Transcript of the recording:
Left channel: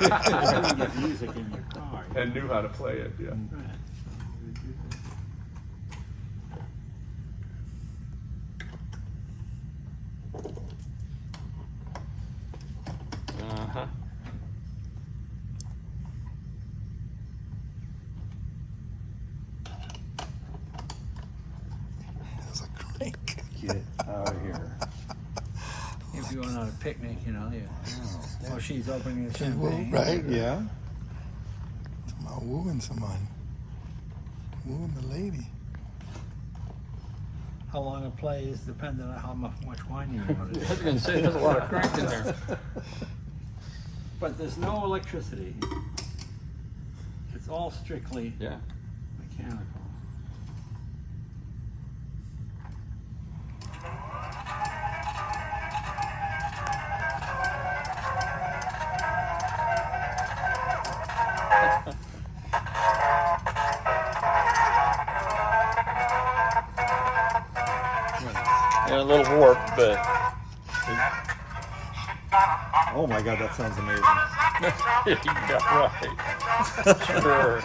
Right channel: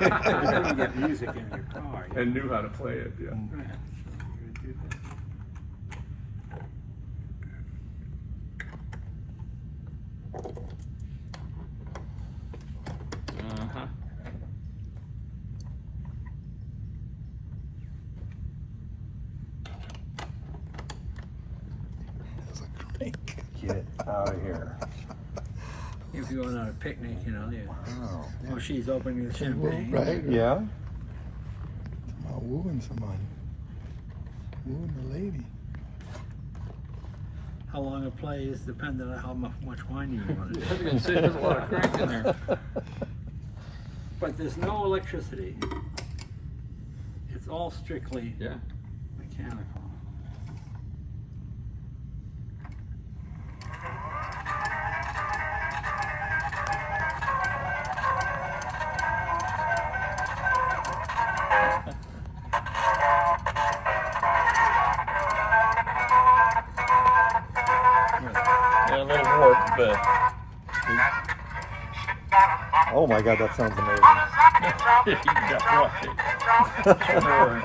You get music in your car. you And know. knew how to play it, yeah. Right. Uh-huh. That's a crank. Get out of here. If you're going on a picnic, you know, you, Oh. oh, she's opening the And woo, champagne. right? Yeah? It's about wooing somebody. Wooing the lady. How long a play is dependent on how much wine you want to I was do. gonna say, there's a lot of crank in there. But there's no electricity. It's all strictly Yeah. mechanical. Yeah, a little warp, but Oh my God, that sounds amazing. yeah, right. Sure.